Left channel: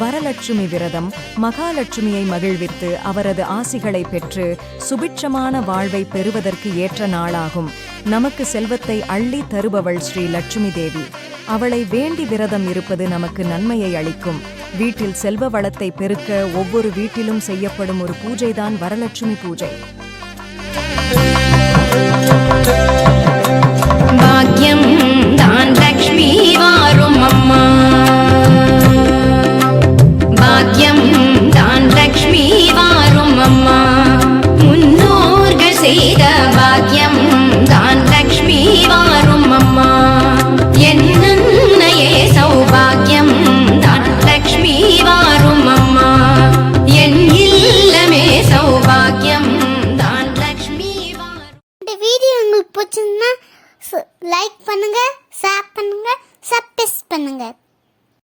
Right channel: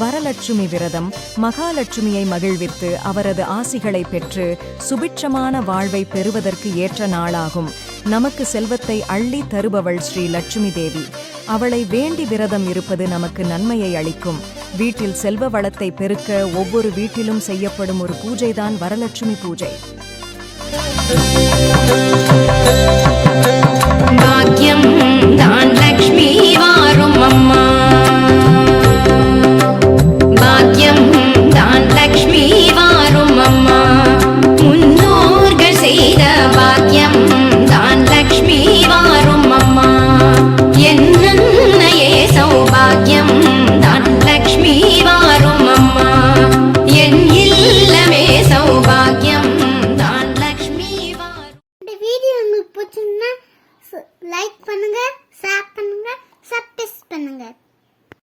வரலட்சுமி விரதம் மகாலட்சுமியை மகிழ்வித்து அவரது ஆசிகளை பெற்று சுபிட்சமான வாழ்வை பெறுவதற்கு ஏற்ற நாளாகும். நமக்கு செல்வத்தை அள்ளி தருபவள் ஸ்ரீ லட்சுமி தேவி. அவளை வேண்டி விரதம் இருப்பது நமக்கு நன்மையை அளிக்கும். வீட்டில் செல்வ வளத்தை பெருக்க ஒவ்வொரு வீட்டிலும் செய்யப்படும் ஒரு பூஜைதான் வரலட்சுமி பூஜை. பாக்யம் தான் லக்ஷ்மி வாரும் அம்மா, பாக்யம் தான் லக்ஷ்மி வாரும் அம்மா, முன்னோர்கள் செய்த பாக்யம் தான் லக்ஷ்மி வாரும் அம்மா, என்னையே சௌபாகியம் தான் லக்ஷ்மி வாரும் அம்மா, என் இல்லமே சௌபாகியம்